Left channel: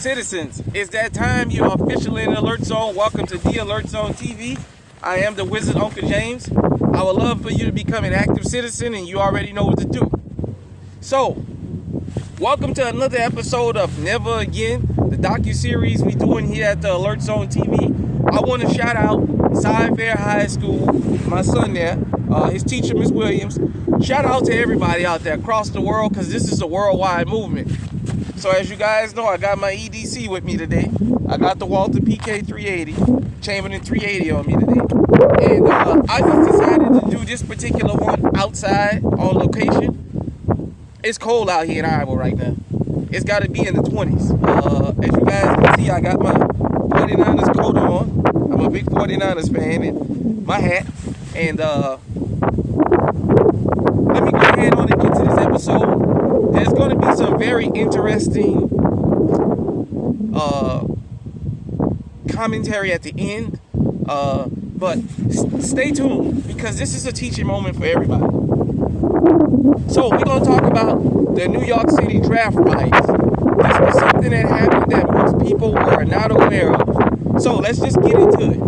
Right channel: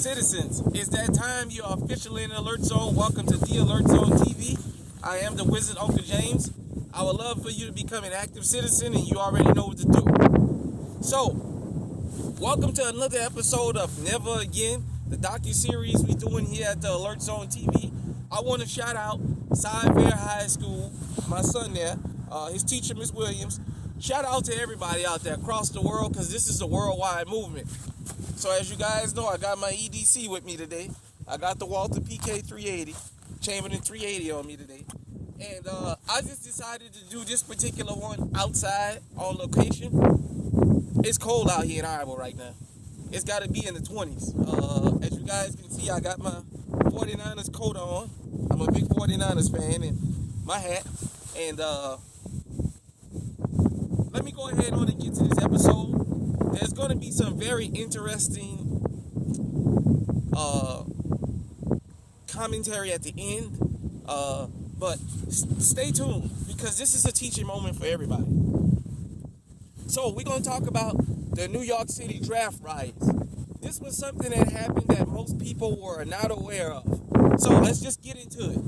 Citizens, it's that time. You are officially in the Alert Zone. Welcome to the Alert Zone TV. I am the Wizard Uncle James. I would love for you to become an active citizen, and you already know what to do. So, welcome to another episode of Never Again, the docu-series we doing here at the Alert Zone TV. I want to shout out Fair High School, my son there, his teacher, Miss Williams. Shout out to everybody out there across the world, because this is a worldwide movement. So as you guys know, I got my EDC with me today. I got the Walter PK 380, Chamberlain 380 on me today. And I just decided to do this particular one outside on location. It's cold out here in Iowa right now. It's got to be in the 20s. As you guys can see, I got my 49ers coat on. I'm a big 49ers fan, and my hat. And let me go ahead on and get to this episode. There's going to be some very interesting commentary at the end, but stay tuned, because this is a teaching moment for everybody. So we're going to talk about the New York City draft riots. This was something that happened that most people were not aware of. So let's just get into it.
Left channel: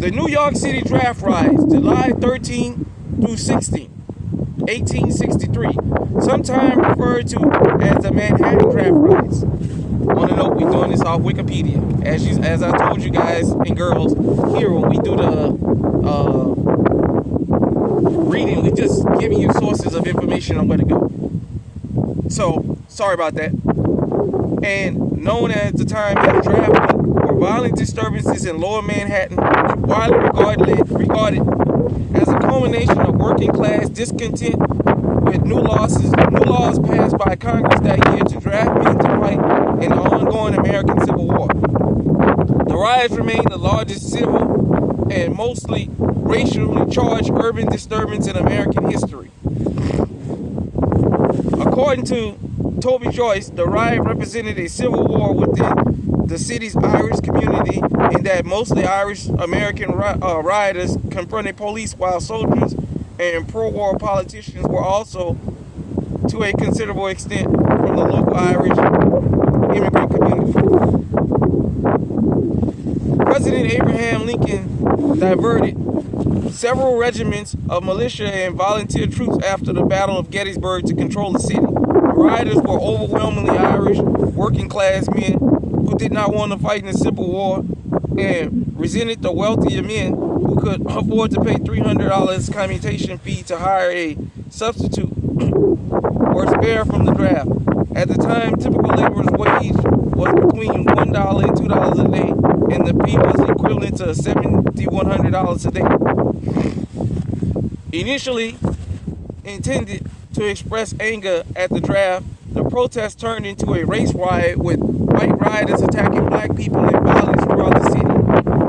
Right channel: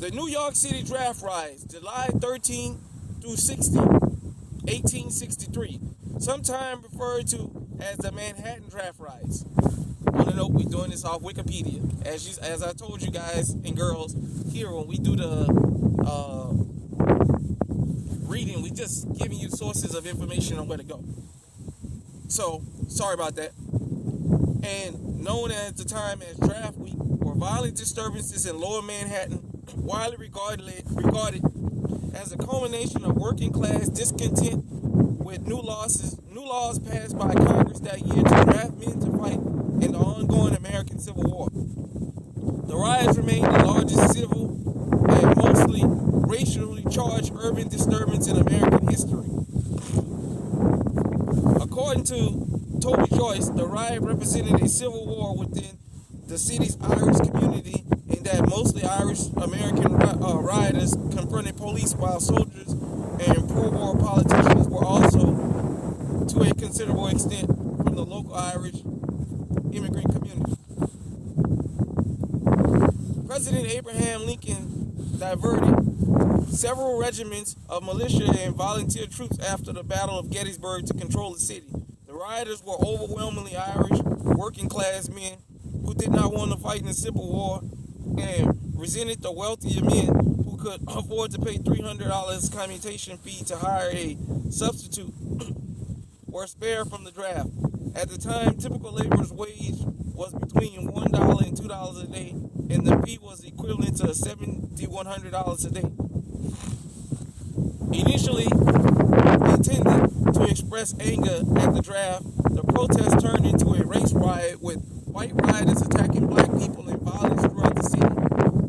The New York City draft riots, July 13 through 16, 1863, sometimes referred to as the Manhattan draft riots. On a note, we're doing this off Wikipedia. As I told you guys and girls here when we do the reading, we just giving you sources of information on where to go. So, sorry about that. And known at the time as the draft were violent disturbances in Lower Manhattan, widely regarded as a culmination of working class discontent with new laws passed by Congress that year to draft men to fight in the ongoing American Civil War. The riots remain the largest civil and mostly racially charged urban disturbance in American history. According to Toby Joyce, the riot represented a civil war within the city's Irish community, in that mostly Irish American rioters confronted police, while soldiers and pro-war politicians were also, to a considerable extent, from the local Irish immigrant community. President Abraham Lincoln diverted several regiments of militia and volunteer troops after the Battle of Gettysburg to control the city. The rioters were overwhelmingly Irish working-class men who did not want to fight in the Civil War and resented the wealthier men who could afford to pay $300 commutation fee to hire a substitute or spare from the draft. At the time, typical laborer's wage was between $1 and $2 a day, and the fee was equivalent to $7,100 a day. Initially intended to express anger at the draft, the protest turned into a race riot, with white rioters attacking black people and violence throughout the city.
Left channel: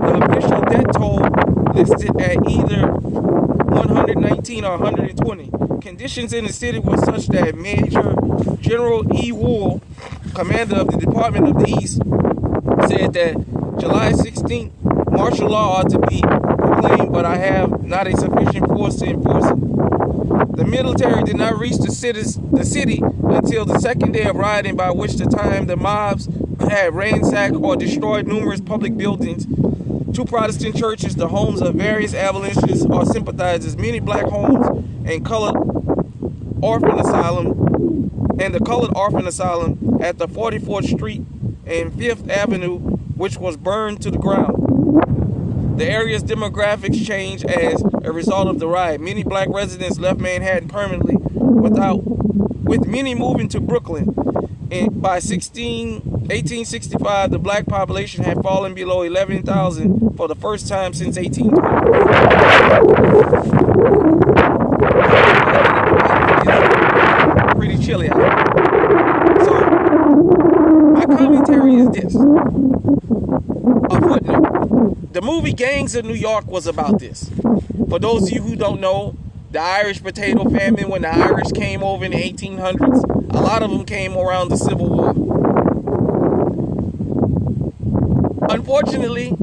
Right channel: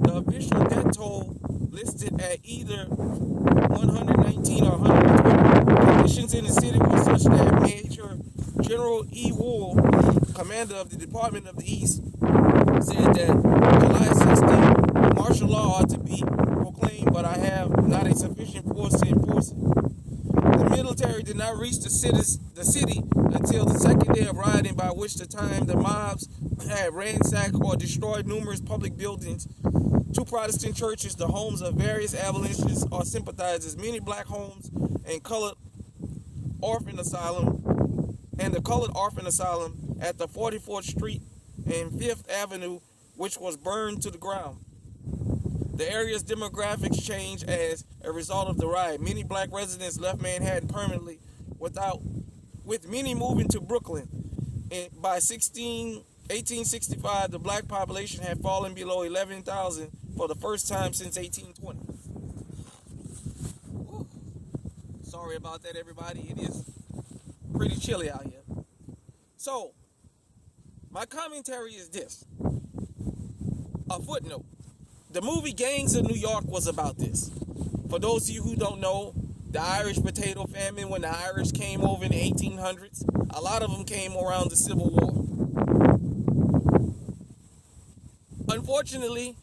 The official death toll listed at either 119 or 120. Conditions in the city were such that Major General E. Wool, commander of the Department of the East, said that July 16th, martial law ought to be proclaimed, but I have not a sufficient force to enforce it. The military did not reach the city until the second day of rioting, by which time the mobs had ransacked or destroyed numerous public buildings, two Protestant churches, the homes of various abolitionists or sympathizers, many black homes, and the colored orphan asylum at the 44th Street and 5th Avenue, which was burned to the ground. The area's demographics changed as a result of the riot. Many black residents left Manhattan permanently, with many moving to Brooklyn. And by 1865, the black population had fallen below 11,000 for the first time since 1820. Pretty chilly out here. So, my commentary is this. A footnote. The movie Gangs of New York was about this. For those of you who don't know, the Irish potato famine, when the Irish came over in the 1800s, a lot of them came around the Civil War. Unfortunately,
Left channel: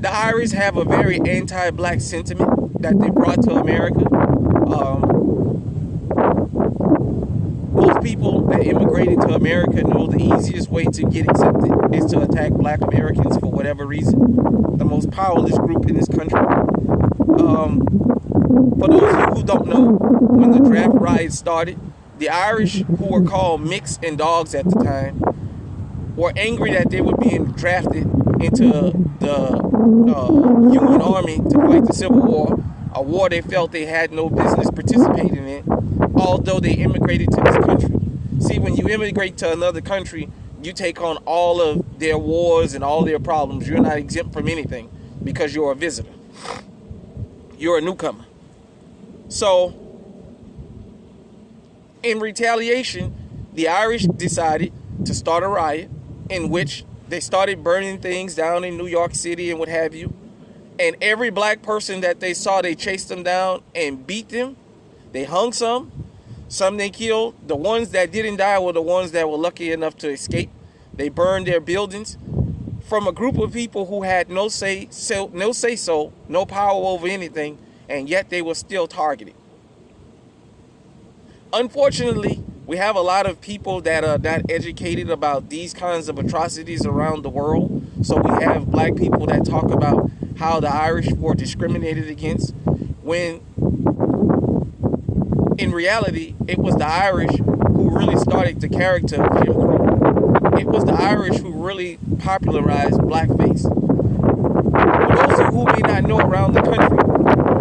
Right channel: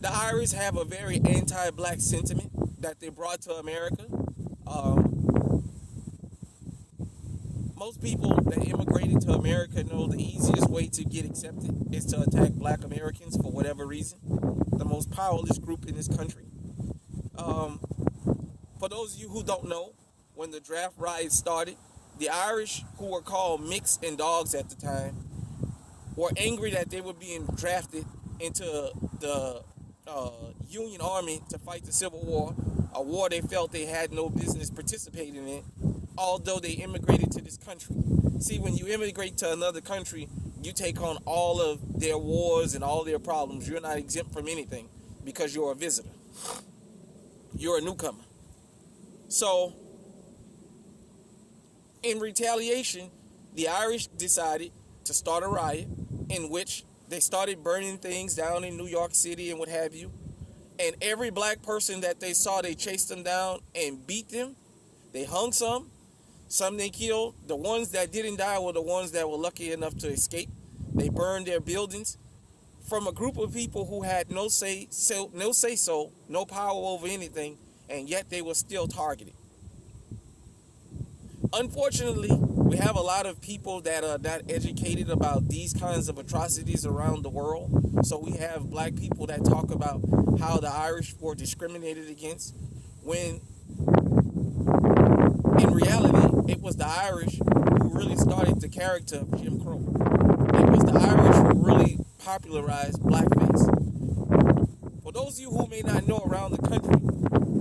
the Irish have a very anti-black sentiment that they brought to America. Most people that immigrated to America know the easiest way to get accepted is to attack black Americans for whatever reason. The most powerless group in this country. For those of you who don't know, when the draft riots started, the Irish, who were called Micks and Dogs at the time, were angry that they were being drafted into the Union Army to fight the Civil War, a war they felt they had no business participating in, although they immigrated to this country. See, when you immigrate to another country, you take on all of their wars and all their problems. You're not exempt from anything because you're a visitor. You're a newcomer. So, in retaliation, the Irish decided to start a riot in which they started burning things down in New York City and what have you. And every black person that they saw, they chased them down and beat them. They hung some they killed. The ones that didn't die were the ones that were lucky enough to escape. They burned their buildings from a group of people who had no say-so, no power over anything, and yet they were still targeted. Unfortunately, we have a lot of people that are not educated about these kinds of atrocities around the world. So we have black people that talk about how the Irish were discriminated against, when in reality, it was the Irish who really started the character of Jim Crow. It was the Irish who really popularized blackface. For those of you who may not know around the country,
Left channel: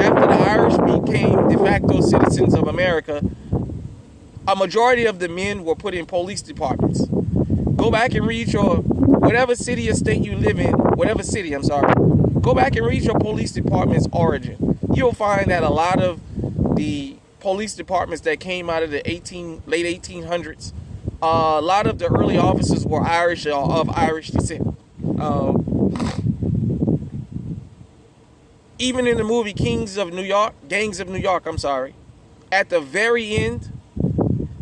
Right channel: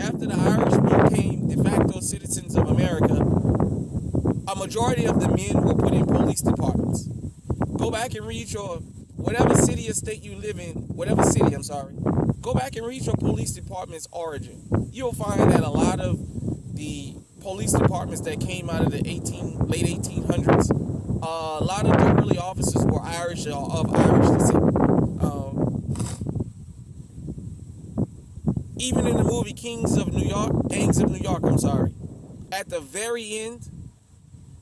after the Irish became de facto citizens of America, a majority of the men were put in police departments. Go back and read your, whatever city or state you live in, go back and read your police department's origin. You'll find that a lot of the police departments that came out of the late 1800s, a lot of the early officers were Irish or of Irish descent. Even in the movie Gangs of New York, at the very end,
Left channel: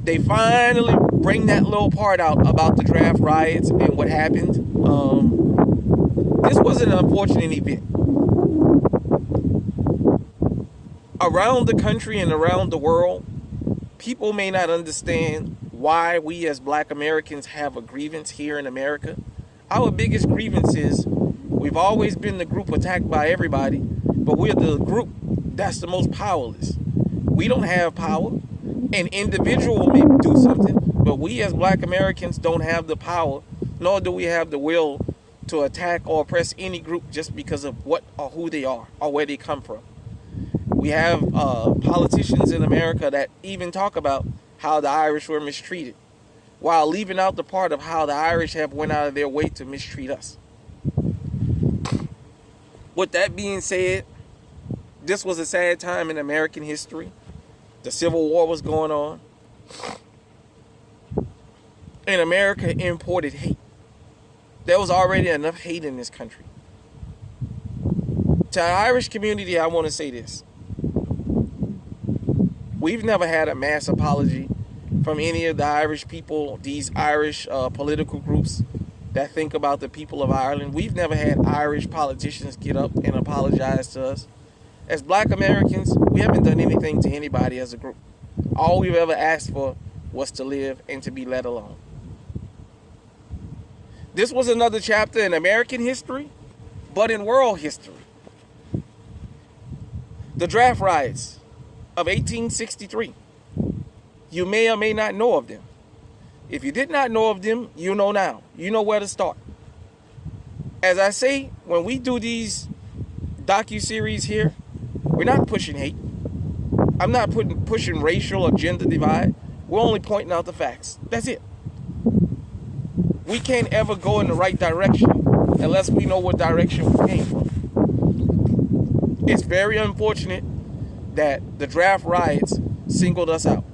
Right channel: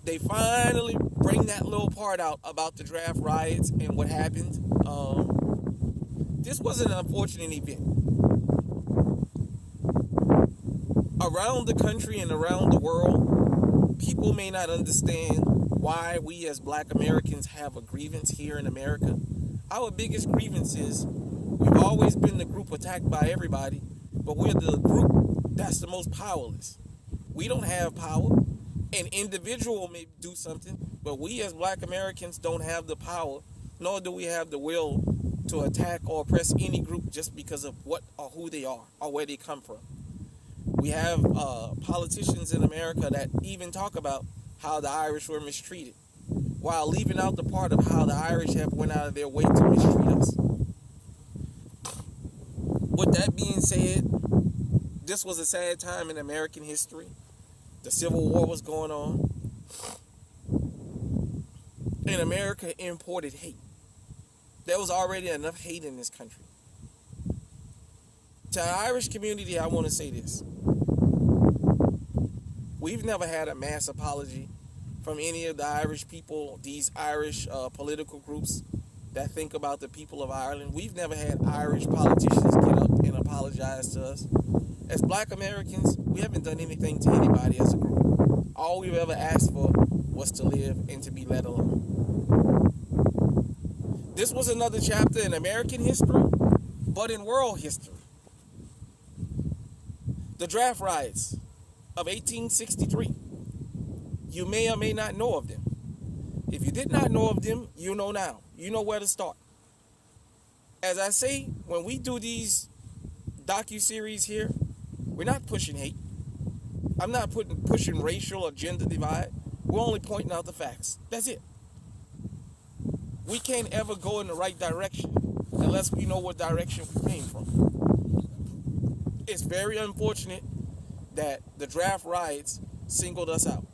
they finally bring that little part out about the draft riots and what happened. This was an unfortunate event. Around the country and around the world, people may not understand why we as black Americans have a grievance here in America. Our biggest grievance is we've always been the group attacked by everybody, but we're the group that's the most powerless. We don't have power. An individual may do something, but we as black Americans don't have the power, nor do we have the will to attack or oppress any group just because of what or who they are or where they come from. We have politicians in America that even talk about how the Irish were mistreated, while leaving out the part of how the Irish have went out of their way to mistreat us. With that being said, this was a sad time in American history. The Civil War was going on. And America imported hate. There was already enough hate in this country. To the Irish community, I want to say this. We've never had a mass apology from any of the Irish people, these Irish political groups that think about the people of Ireland. We've never had Irish politicians get up and apologize to us. As black Americans, we haven't done anything to anybody as a group. All we've ever asked for was to live and to be let alone. This was another chapter in American history, but in world history. The draft riots of 1863. You may or may not know of them. If you did not know of them, you know now. You know where to start. As I say, when we do these docu-series here, we're not pushing hate. I'm not pushing racial or gender divide. We're only pointing out the facts. That's it. We can't ever go in the right direction unless we know what direction we came from. It's very unfortunate that the draft riots singled us out.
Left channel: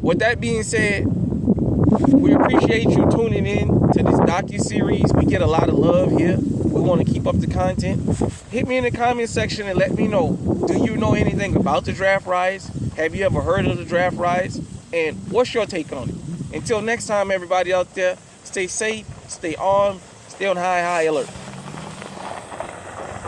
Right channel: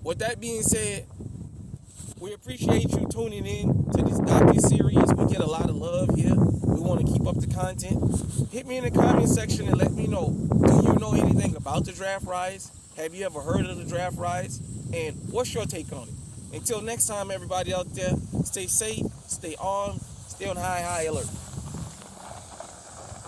With that being said, we appreciate you tuning in to this docu-series. We get a lot of love here. We want to keep up the content. Hit me in the comment section and let me know. Do you know anything about the draft riots? Have you ever heard of the draft riots? And what's your take on it? Until next time, everybody out there, stay safe, stay armed, stay on high alert.